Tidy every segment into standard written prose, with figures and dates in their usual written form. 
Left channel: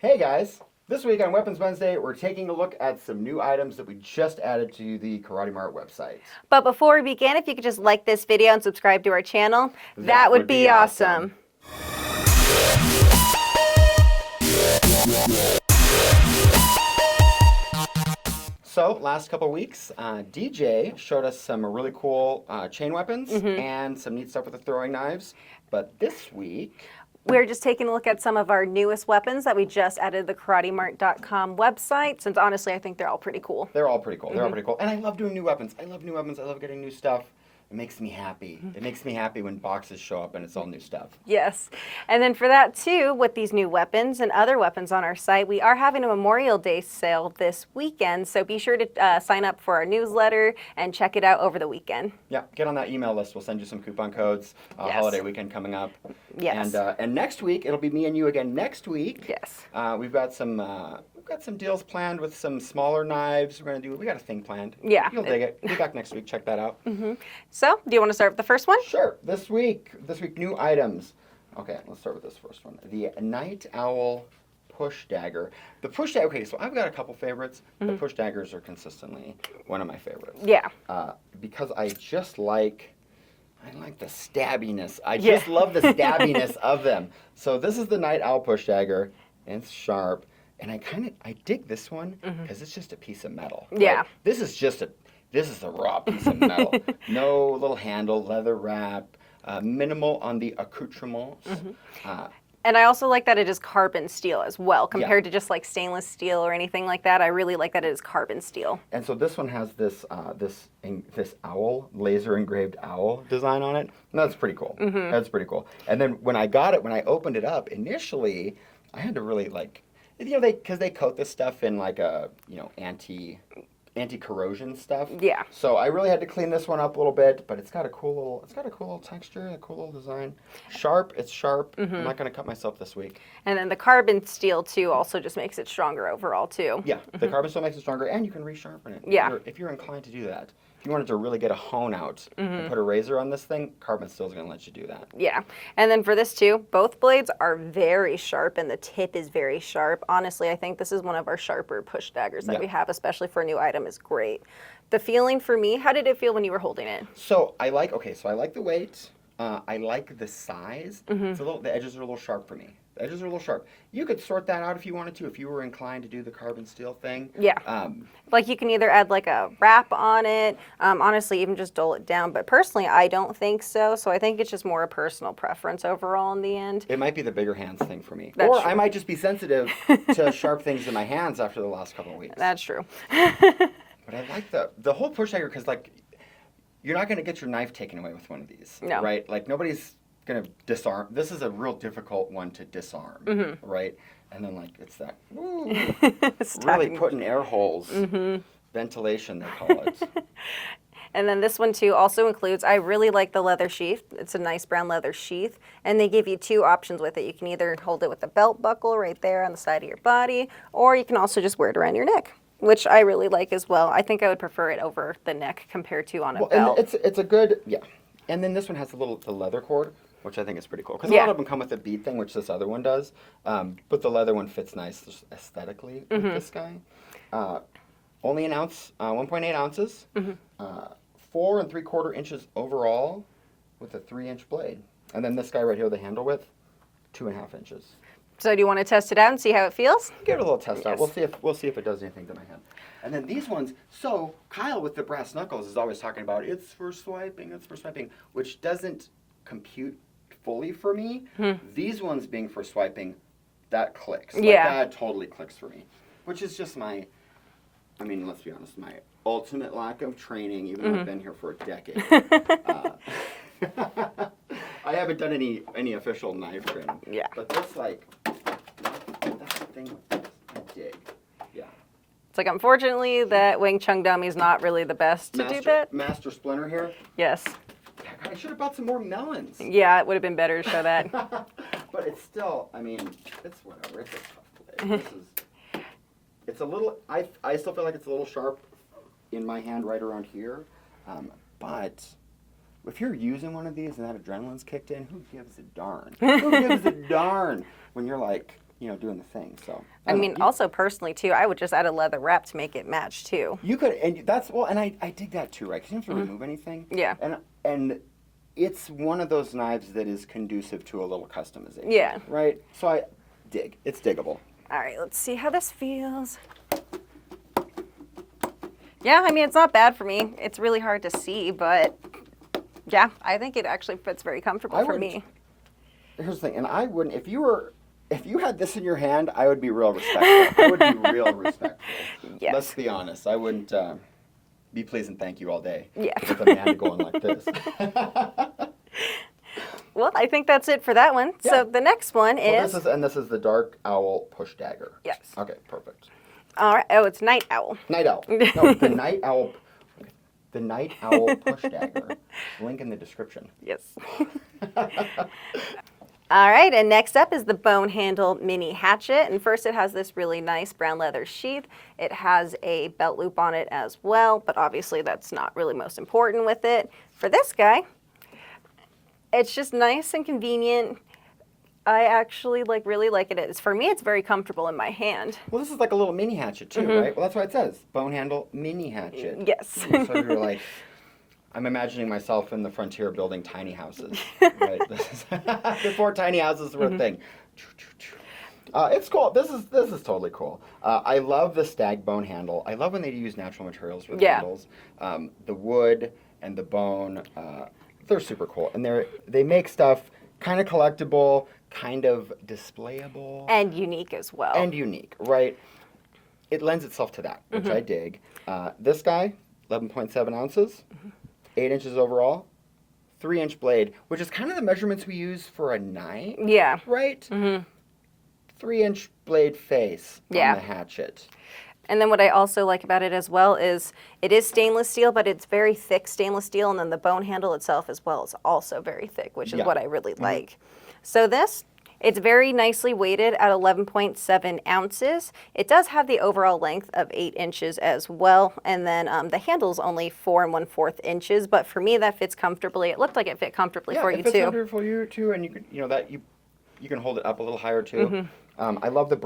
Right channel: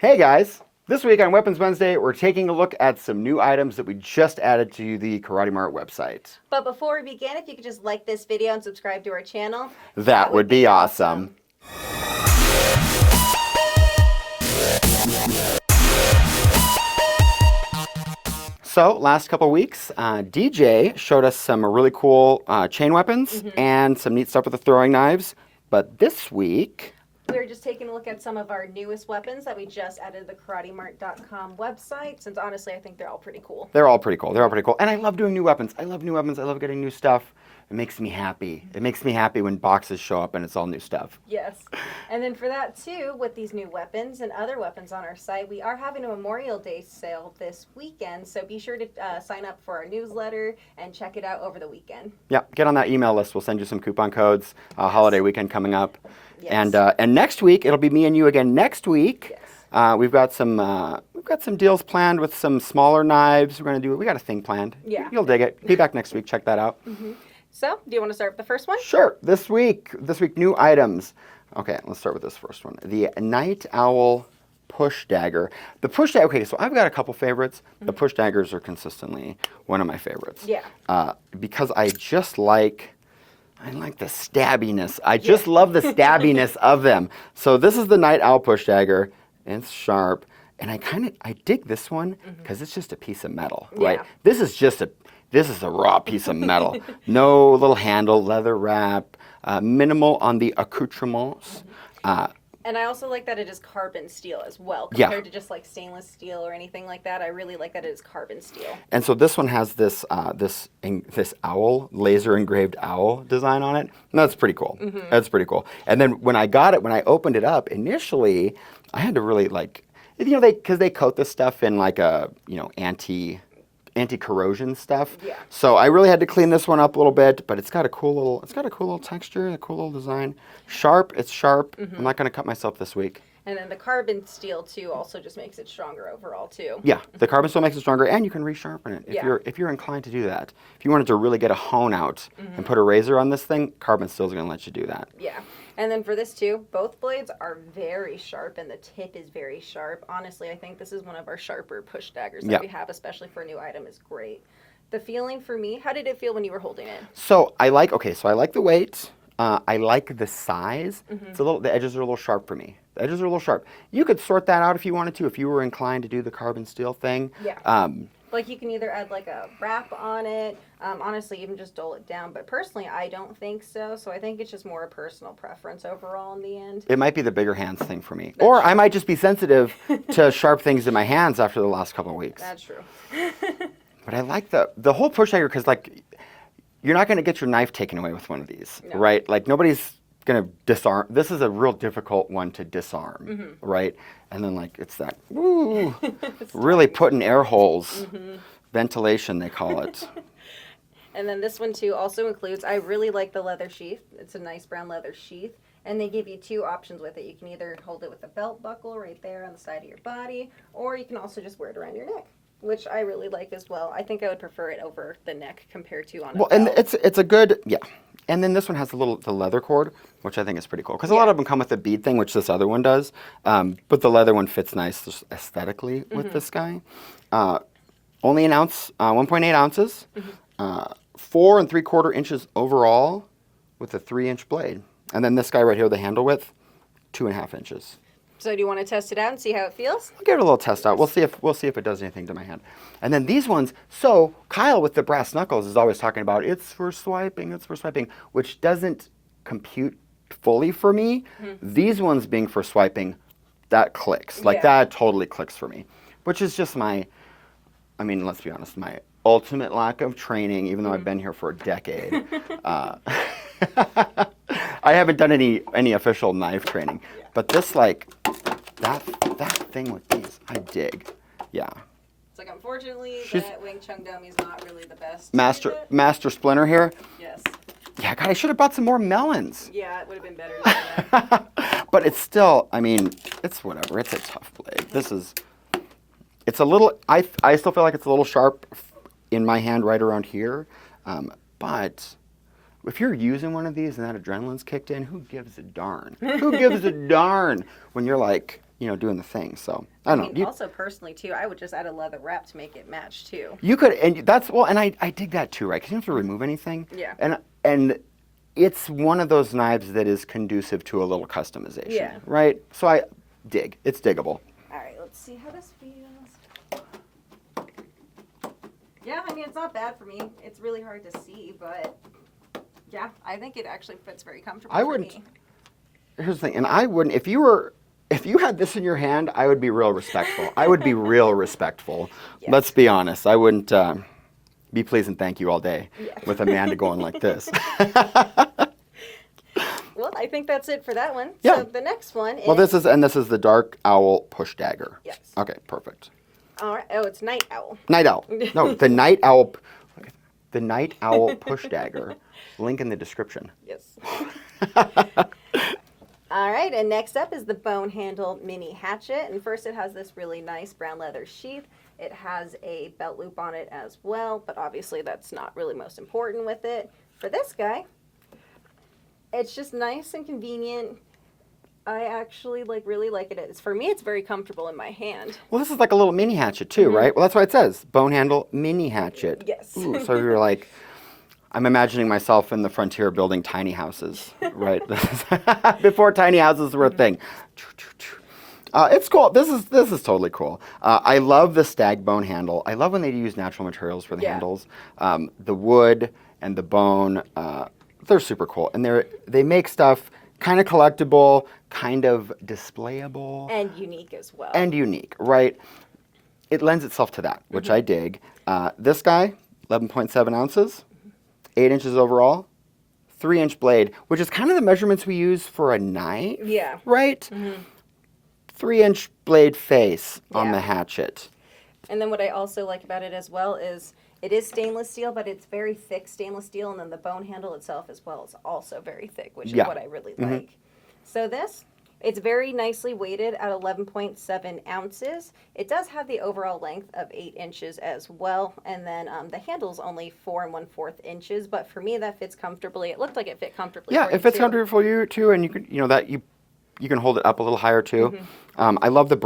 Hey guys, this week on Weapons Wednesday, we're taking a look at some new items that we just added to the KarateMart website. But before we begin, if you could just like this video and subscribe to our channel, That would be awesome. So, last couple weeks, DJ showed us some really cool chain weapons and some neat stuff with the throwing knives. But this week, we're just taking a look at some of our newest weapons that we just added to the KarateMart.com website, since honestly, I think they're all pretty cool. They're all pretty cool. They're all pretty cool. And I love doing new weapons. I love new weapons. I love getting new stuff. It makes me happy. It makes me happy when boxes show up and it's all new stuff. Yes. And then for that too, with these new weapons and other weapons on our site, we are having a Memorial Day sale this weekend. So be sure to sign up for our newsletter and check it out over the weekend. Yeah, get on that email list. We'll send you some coupon codes. Yes. Holiday weekend coming up. Yes. And next week, it'll be me and you again next week. Yes. We've got some deals planned with some smaller knives. We got a thing planned. Yeah. You'll dig it. Be back next week. Check that out. So, do you want to start with the first one? Sure. This week, new items. Okay, let's start with this first one. The Night Owl push dagger. The push dagger, okay, so I've got a couple favorites. The push daggers are consistently one of my favorites. Yeah. Because I like the stabbiness. I just love the stabbiness of them. So this is the Night Owl push dagger. And it's sharp. And I dig this one because it's just a piece of metal. Right? Yeah. This is a raw piece of metal. No little handle, leather wrap, minimal on the accoutrements. And I also like that it is carbon steel as well, compared to just like stainless steel or anything like that. I really like that it is carbon steel. And so this one has this owl, laser engraved owl design on it. And that's pretty cool. That's pretty cool. And then when I opened it up, initially, I had to really because they coat this stuff in like a, anti-corrosion stuff. Yeah. So I really had to clean this one up a little bit, but it's got a cool little texture, a cool little design. Sharp, it's sharp. I'm not gonna cut myself this week. And then the carbon steel too also just makes it stronger overall too. Yeah, the carbon steel makes it stronger, and you can resharpen it if you're inclined to do that. If you wanted to really get a hone out and put a razor on this thing, carbon steel is gonna let you do that. Yeah, and then for this too, both blades are very sharp and the tip is very sharp. Honestly, I think this is one of our sharper push daggers that we have, especially for a new item, is great. The feeling for me, how did it feel when you were holding it? So I like the weight. I like the size. The edges are a little sharp for me. The edges are a little sharp. You could sort that out if you wanted to, if you were inclined to do the carbon steel thing. Yeah. Like you can either add like a wrap on it, honestly even just dull it down, but personally I don't think so. So I think it's just more a personal preference overall in the end. It might be the bigger hands thing for me. That's or true. I might just be sensitive to sharp things in my hands after the last couple of weeks. That's true. But I like the whole push dagger because you're not going to get your knife taken away with one of these, right? Like nobody's going to disarm. This is a real difficult one to disarm, right? And then it's that, ooh, really putting air holes, ventilation they call it. And then this one too also includes, I really like the leather sheath. It's a nice brown leather sheath. And they give you two options with it. You can either hold it with a belt buckle right there on the side of your body, or you can also just wear it around your neck, which I really like as well. I think I would prefer it over the neck compared to on a belt. And it's a good, And then this one has the leather cord, which I think is pretty cool. Because a lot of them come with a bead thing, which this other one does. But the leather one fits nice just aesthetically with this guy. Only an ounce, 1.8 ounces, 4 3/4 inches overall with a 3-inch blade. And then this guy right here, the handle width, 2.5 inches. So do you want to test it out and see how it feels? I'll give it a little test out. We'll see if it does anything to my hand. And then these ones. So Kyle with the brass knuckles is always talking about it's for swiping, which doesn't compute fully for me. These ones being for swiping, that clicks. That totally clicks for me. Which is just let's be honest, my ultimate lack of training. Even though I've been here for a decade, I haven't done any official knife training. Yeah. But this that thing with these, I dig. Yeah. It's like, unfortunately, that Wing Chun dummy is not really the best to do that. Master Splinter here. Yes. Yeah, God, I should have bought some more melons. Yeah, it would have been better to show that. But it's still, it's whatever. It's a tough blade. It's a little, I still feel like it's a little sharp in my hand right around here. But if you're using one of these and that adrenaline's kicked in, who gives a darn? Who gives a darn when you're like doing the thing. So I don't mean, know. also personally too, I would just add a leather wrap to make it match too. You could, and that's well, and I dig that too, right? Because you don't have to remove anything. Yeah. And it's one of those knives that is conducive to a little customization. Yeah. Right. So it's diggable. All right, let's see how this feels. Yeah, I mean, it's not bad for me. It's really hard to see, but yeah, I think it actually fits very comfortable for me. Here's the thing, and I wouldn't, if you had this in your hand, I would be real respectful. I would be real respectful. Yes. Let's be honest. I wouldn't be please and thank you all day with Amanda going like this. Well, I think that's it for that one. Yeah. So the next one is... Well, this is the Dark Owl Push Dagger. Yes. Okay, perfect. All right. Oh, it's Night Owl. Night Owl. No, the Night Owl. The Night Owl Push Dagger. Link in the description. Yes. All right, and next up is the Bone Handle Mini Hatchet. And first it has this really nice brown leather sheath. It has a belt loop on it as well, but obviously that's not really most important with it. For this guy, it's just nice and convenient. I actually really like it. For me, it's very comfortable in my hand. Well, this is like a little mini hatchet too, right? Well, that's what it says. Bone Handle Mini Hatchet. Yes. Ooh, so you're like, I'm imagining myself in the frontier building tiny houses, right? Before tiny houses were a thing. It's cool. This is totally cool. I love the stag bone handle. I love when they use natural materials for the handles. The wood and the bone, they're super cool. And they make stuff kind of collectible, kind of displayable. And unique as well. And unique, right? It lends itself to that, which I dig. This guy, 11.7 ounces. 8 inches overall, 3-inch blade, which is kind of the measurements we use for a knife. Yeah. Right? 3-inch blade face on the hatchet. And then what I also like about it as well is it is stainless steel, but it's very thick stainless steel. And then the bone handle itself as well is also very thick, which is what I really like. So it's very nicely weighted at 11.7 ounces. It does have the overall length of 8 inches as well. And then the handle's only 4 1/4 inches. But for me, that fits comfortably. It looked like it fit comfortably for you, too. Yeah, it fits comfortably for you, too. And you can, you can hold it up a little higher, too. I love the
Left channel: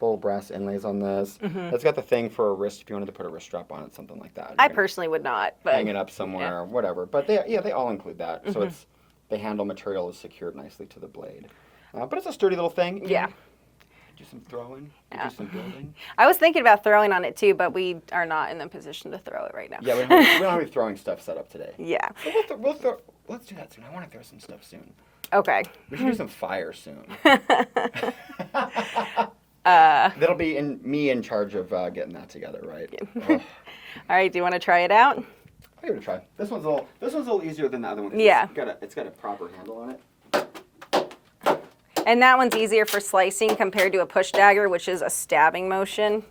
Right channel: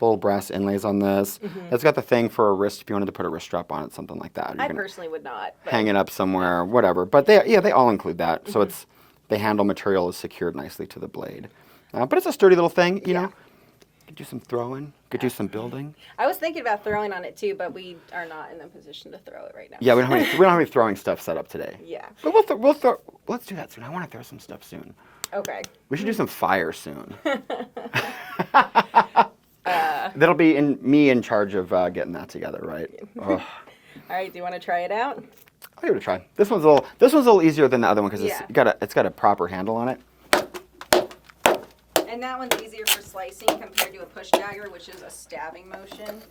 little brass inlays on this. It's got the thing for a wrist, if you wanted to put a wrist strap on it, something like that. I personally would not. But hang it up somewhere, whatever. But they all include that. So the handle material is secured nicely to the blade. But it's a sturdy little thing, you know. Could do some throwing, could do some building. I was thinking about throwing on it too, but we are not in the position to throw it right now. Yeah, we don't have any throwing stuff set up today. Yeah. So let's do that soon. I want to throw some stuff soon. Okay. We should do some fire soon. That'll be me in charge of getting that together, right? All right, do you want to try it out? I'll give it a try. This one's a little easier than the other one because it's got a proper handle on it. And that one's easier for slicing compared to a push dagger, which is a stabbing motion.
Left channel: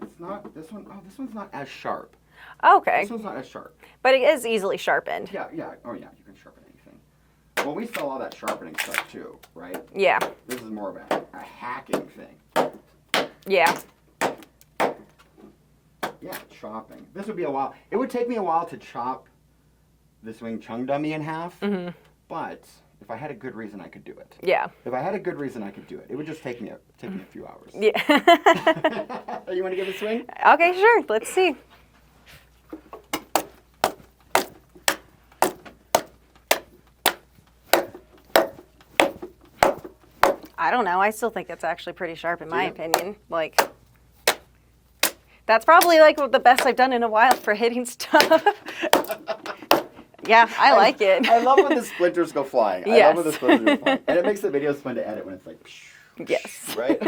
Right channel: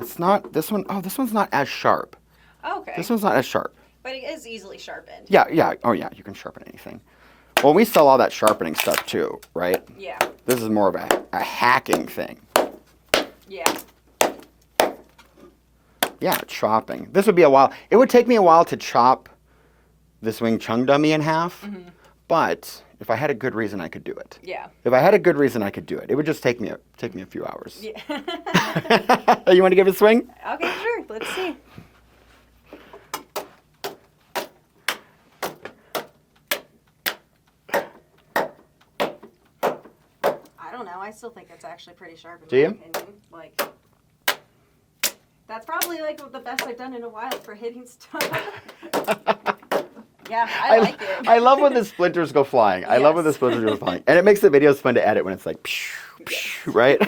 It's not, this one's not as sharp. Okay. This one's not as sharp. But it is easily sharpened. Yeah. Oh, yeah, you can sharpen anything. Well, we sell all that sharpening stuff too, right? Yeah. This is more of a hacking thing. Yeah. Yeah, chopping. This would be a while. It would take me a while to chop this Wing Chun dummy in half, but if I had a good reason, I could do it. Yeah. If I had a good reason, I could do it. It would just take me a few hours. Yeah. You want to give it a swing? Okay, sure. Let's see. I don't know. I still think it's actually pretty sharp in my opinion. Like, that's probably like the best I've done in a while for hitting stuff. Yeah, I like it. I love when the splinters go flying. I love when the splinters go flying. And it makes the videos fun to edit when it's like, right?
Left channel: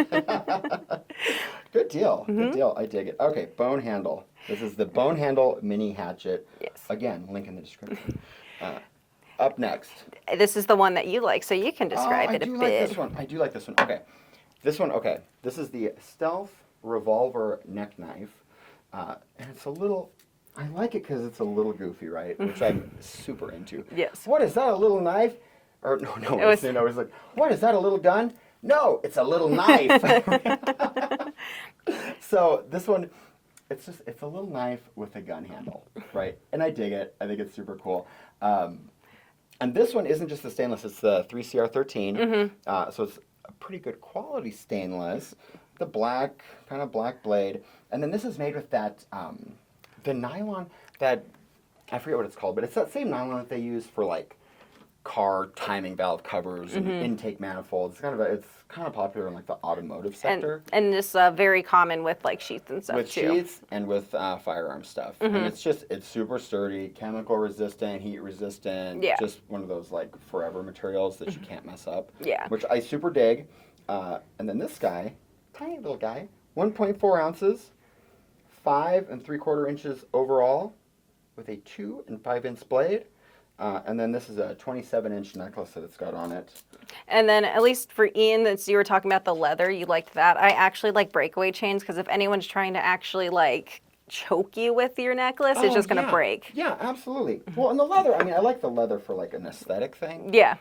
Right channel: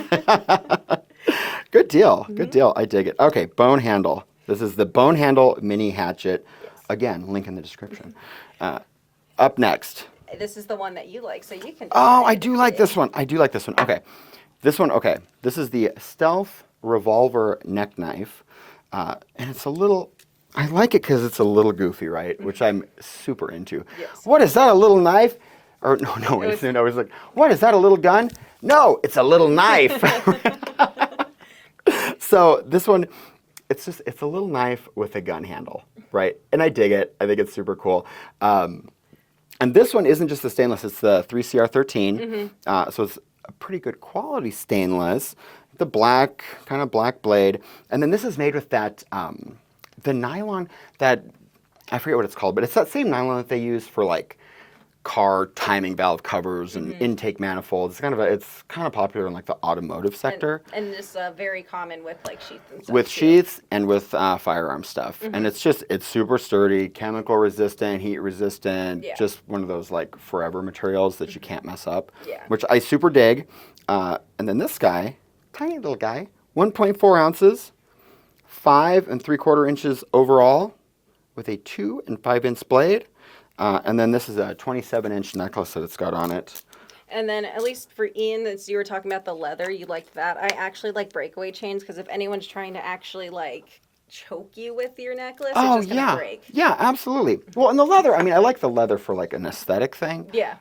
Good deal. Good deal. I dig it. Okay, bone handle. This is the Bone Handle Mini Hatchet. Yes. Again, link in the description. Up next. This is the one that you like, so you can describe Oh, I it do a like bit. this one. I do like this one. Okay. This one, okay. This is the Stealth Revolver neck knife. And it's a little, I like it because it's a little goofy, right? Which I'm super into. Yes. What, is that a little knife? Or no, it was like, what, is that a little gun? No, it's a little knife. So this one, it's a little knife with a gun handle, right? And I dig it. I think it's super cool. And this one isn't just the stainless, it's the 3CR13. So it's a pretty good quality stainless. The black, kind of black blade. And then this is made with that, the nylon that, I forget what it's called, but it's that same nylon that they use for like car timing valve covers and intake manifolds. It's kind of popular in like the automotive sector. And just very common with like sheaths and stuff. With sheaths and with firearm stuff. And it's super sturdy, chemical resistant, heat resistant, just one of those like forever materials that you can't mess up. Yeah. Which I super dig. And then this guy, tiny little guy, 1.4 ounces, 5 3/4 inches overall, with a 2 5-inch blade. And then this is a 27-inch necklace that it's got on it. And then at least for Ian, since you were talking about the leather, you liked that. I actually like breakaway chains because if anyone's trying to actually like choke you with your necklace, it's just going to break. Yeah, absolutely. Well, and the leather, I mean, I like the leather for like an aesthetic thing. Yeah.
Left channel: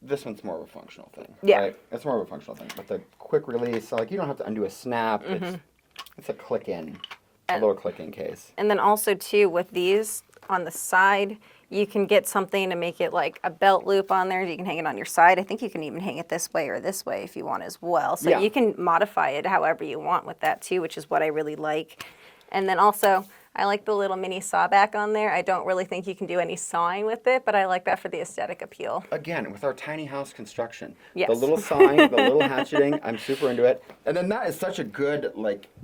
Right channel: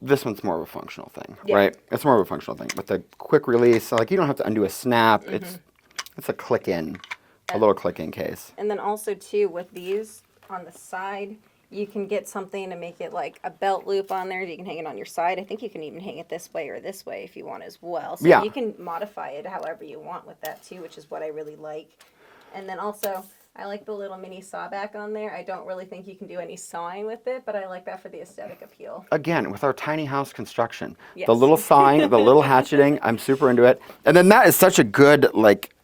This one's more of a functional thing, right? It's more of a functional thing. But the quick release, like you don't have to undo a snap. It's a click-in, a little click-in case. And then also too, with these on the side, you can get something to make it like a belt loop on there. You can hang it on your side. I think you can even hang it this way or this way if you want as well. So you can modify it however you want with that too, which is what I really like. And then also, I like the little mini saw back on there. I don't really think you can do any sawing with it, but I like that for the aesthetic appeal. Again, with our tiny house construction. The little sawing, the little hatcheting, I'm super into it. And then that is such a good, like,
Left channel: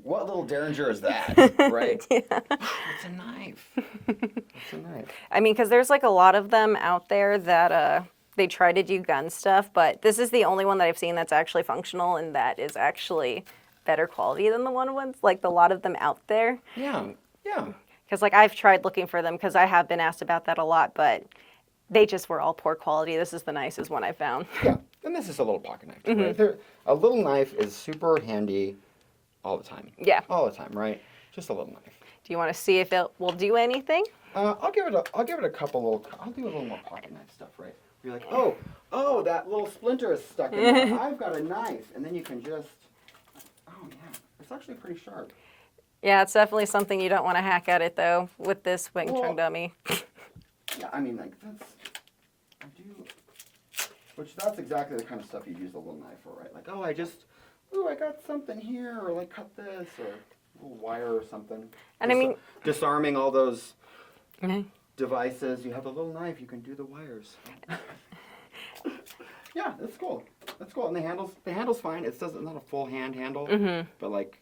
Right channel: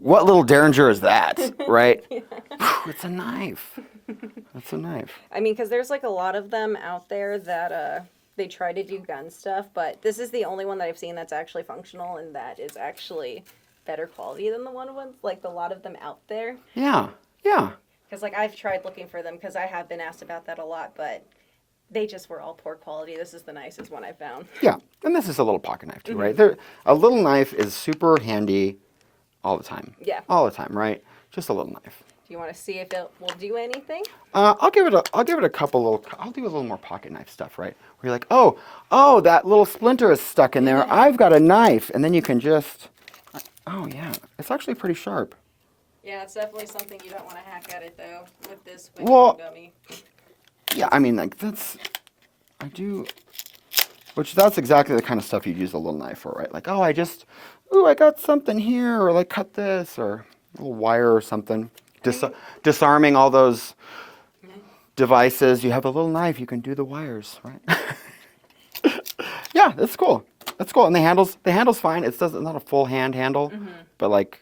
what little derringer is that, right? It's a knife. It's a knife. I mean, because there's like a lot of them out there that they try to do gun stuff, but this is the only one that I've seen that's actually functional and that is actually better quality than the ones, like a lot of them out there. Yeah, yeah. Because like I've tried looking for them because I have been asked about that a lot, but they just were all poor quality. This is the nicest one I found. Yeah, and this is a little pocket knife too, right? A little knife is super handy all the time. Yeah. All the time, right? Just a little knife. Do you want to see if it will do anything? I'll give it a couple little. I'll do a little more pocket knife stuff, right? Where you're like, oh, that little splinter is stuck in there. I've got a knife, and then you can just. Oh yeah, it's actually pretty sharp. Yeah, it's definitely something you don't want to hack at it though with this Wing Chun dummy. Yeah, I mean like that's exactly the kind of stuff you'd use a little knife for, right? Like, I got something here, or like cut this, or a little wire or something. Disarming all those devices, you have a little knife, you can do the wires, right? Yeah, that's cool. That's cool. And the handle's fine. It's not a full hand handle, but like,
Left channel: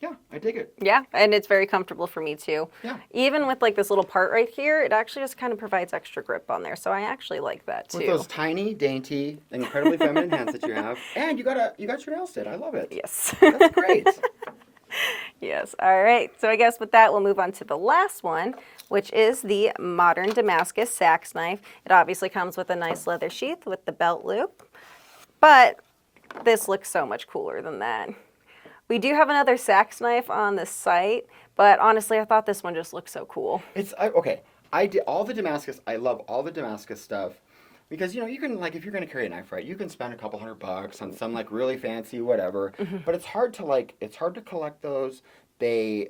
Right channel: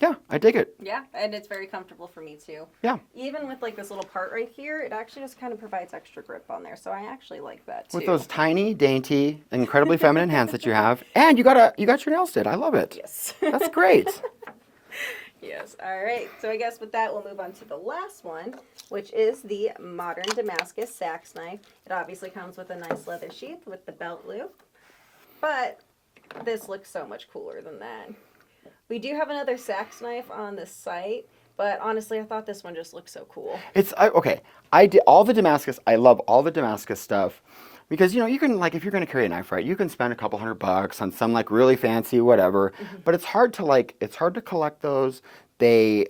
yeah, I dig it. Yeah, and it's very comfortable for me too. Yeah. Even with like this little part right here, it actually just kind of provides extra grip on there. So I actually like that too. With those tiny, dainty, incredibly feminine hands that you have, and you got your nails did. I love it. Yes. That's great. Yes. All right. So I guess with that, we'll move on to the last one, which is the modern Damascus Seax knife. It obviously comes with a nice leather sheath with the belt loop, but this looks so much cooler than that. We do have another Seax knife on the site, but honestly, I thought this one just looked so cool. Okay. I did all the Damascus. I love all the Damascus stuff. Because, you can, like, if you're going to carry a knife, right, you can spend a couple $100 on some, like, really fancy whatever. But it's hard to collect those. They're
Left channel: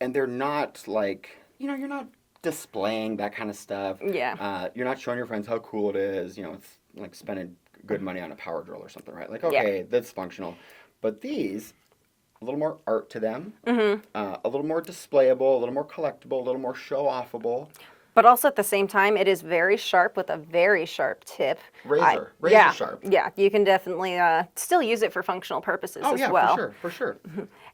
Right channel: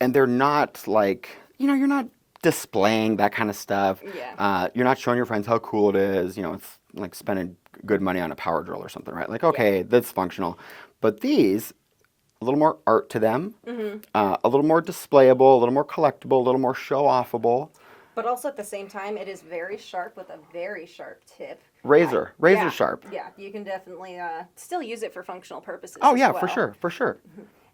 not, like, you're not displaying that kind of stuff. Yeah. You're not showing your friends how cool it is. It's like spending good money on a power drill or something, right? Like, okay, that's functional. But these, a little more art to them, a little more displayable, a little more collectible, a little more show-offable. But also at the same time, it is very sharp with a very sharp tip. Razor sharp. Yeah, you can definitely still use it for functional purposes as well. Oh yeah, for sure.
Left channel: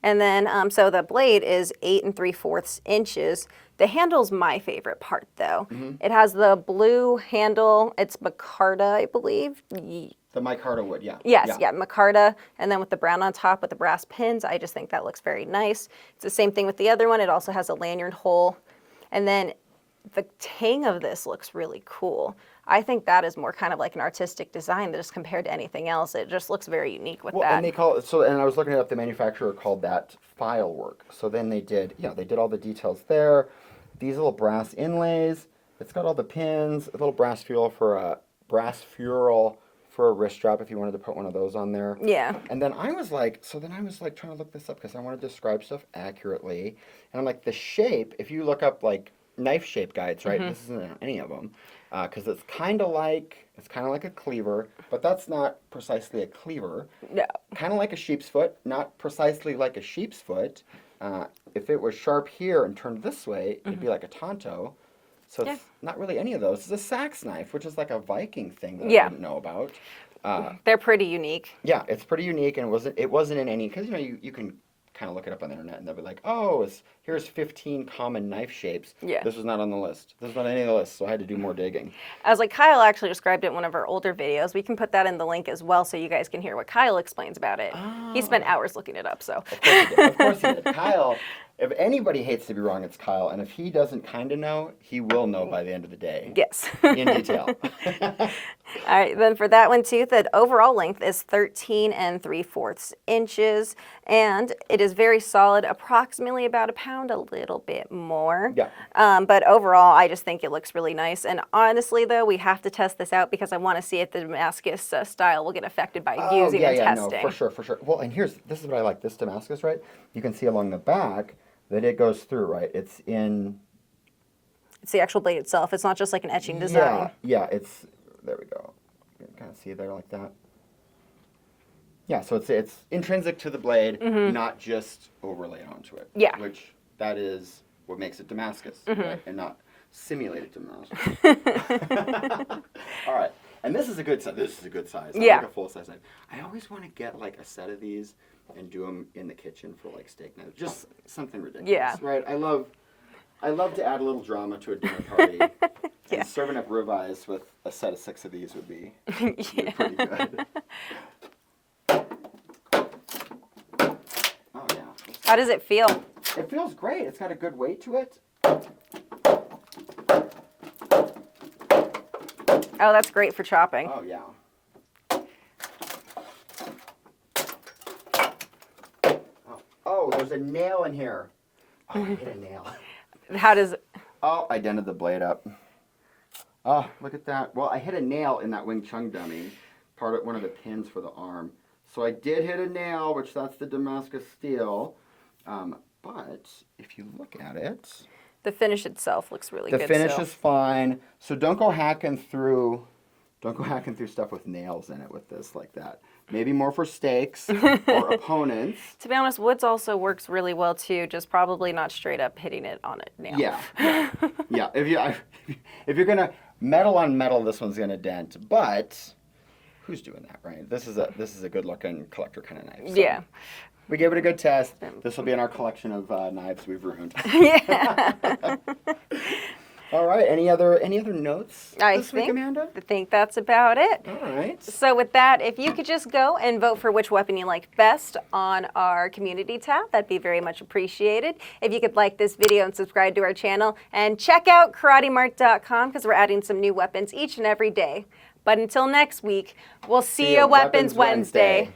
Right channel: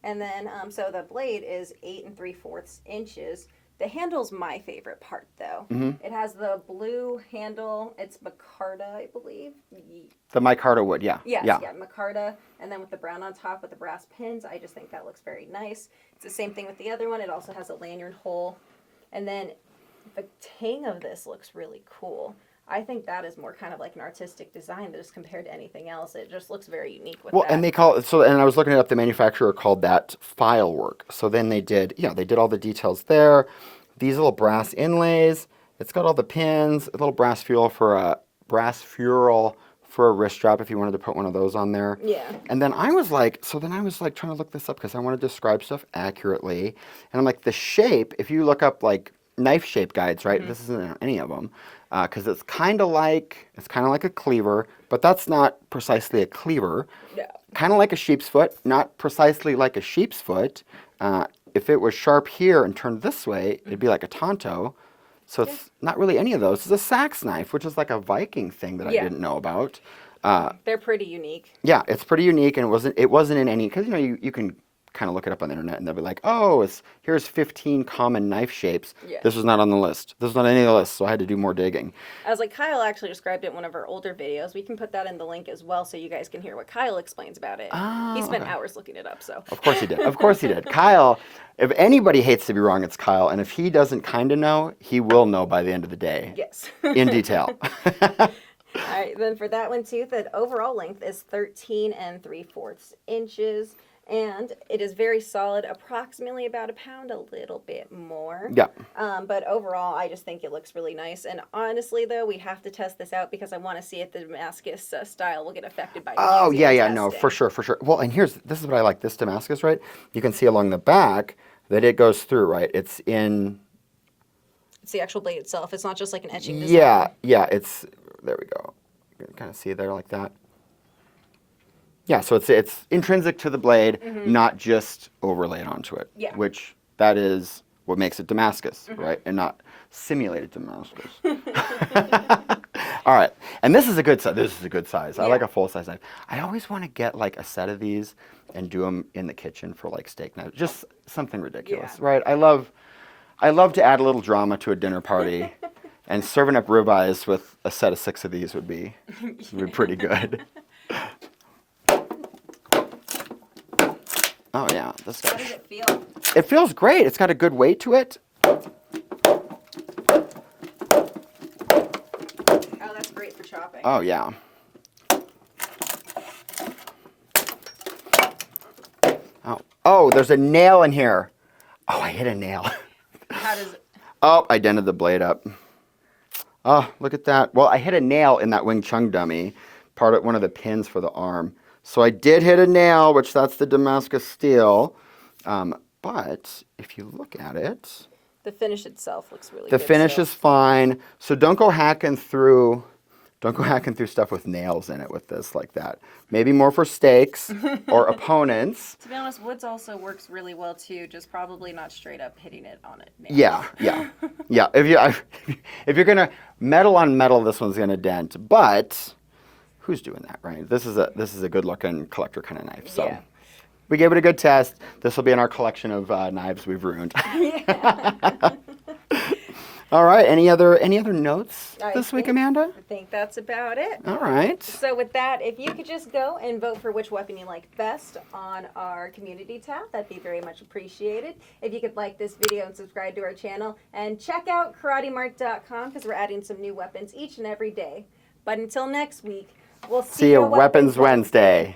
And then, so the blade is 8 3/4 inches. The handle's my favorite part though. It has the blue handle. It's micarta, I believe. The micarta wood, yeah. Yes, yeah, micarta. And then with the brown on top with the brass pins, I just think that looks very nice. It's the same thing with the other one. It also has a lanyard hole. And then the tang of this looks really cool. I think that is more kind of like an artistic design just compared to anything else. It just looks very unique with that. And they call it, and I was looking it up, the manufacturer called that file work. So then they did all the details there. These little brass inlays. It's got all the pins, a little brass ferrule for a wrist strap if you wanted to put one of those on there. Yeah. And then I was like trying to look this up because I want to describe stuff accurately. And I'm like, the shape, if you look up like knife shape guides, right? This isn't any of them, because it's kind of like a cleaver, but that's not precisely a cleaver. No. Kind of like a sheep's foot, not precisely like a sheep's foot. If it was sharp here and turned this way, it'd be like a tonto. So it's not really any of those. It's a Seax knife, which is like a Viking thing that I didn't know about. They're pretty unique. Yeah, it's pretty unique, and it wasn't in any, because you can kind of look it up on the internet and they'll be like, oh, here's 15 common knife shapes. Yeah. This was not on the list. This was not any of the list, so I had to do more digging. I was like, Kyle actually described it in one of our older videos. We can put that in the link as well so you guys can hear what Kyle explains about it. He spent hours looking it up, so. Of course he did. Of course he did. Kyle, if anybody hates to be wrong, it's Kyle, and if he doesn't kind of know, he will know by the end of the day. Yes. In detail. All right, then for that one too, the overall length is 13 3/4 inches, and it is very solid, approximately about a pound, a little bit more. Yeah. But overall, I just think it looks really nice. And honestly, though, we have to test this out because I want to see if the Damascus style will get affected by using and testing. No, for sure. Well, and this is what I like. This Damascus, right? You can see along the back that it goes through, right? It's the actual blade itself. It's not just like an etching design. Yeah. There we go. You can kind of see it there like that. Yeah, so it's intrinsic to the blade, not just overlaid onto it. Yeah. Which that is what makes it Damascus, right? And not simulated Damascus. All right, and this is a good size. I like a full-size knife. I always want to get like a set of these and do them in the kitchen for like steak knives. Just something ridiculous, right? I love to add a little drama to a dinner party. And serving up ribeyes with a set of 6 of these would be pretty good. Oh, yeah. How does it feel? It feels great. It's got a good weight to it. Oh, that's great for chopping. Oh, yeah. Oh, there's a nail in here. Oh, I hit a nail. How does it? Oh, I dented the blade up. Oh, look at that. Well, I hit a nail in that Wing Chun dummy, one of the pins for the arm. So I did hit a nail, which that's the Damascus steel. But if you look at it, the finish itself looks really good. The finish is fine. So don't go hacking through stuff with nails in it with this like that. Maybe more for steaks or opponents. To be honest, woods also works really well too, just probably not straight up hitting it on a nail. Yeah. If you're gonna metal on metal, this one's gonna dent. But who's doing that, right? This is a good looking collector kind of knife. So yeah. We gave it a good test. This will be in our collection of knives we've ruined. Yeah. All right. Any other notes this week, Amanda? I think that's about it. All right. So with that, if you could just go and vote for which weapon you like best on our community tab, that'd be very much appreciated. If you could like this video and subscribe to our channel, and check out KarateMart.com because we're adding some new weapons each and every day. But until next week, we'll see you Weapons Wednesday.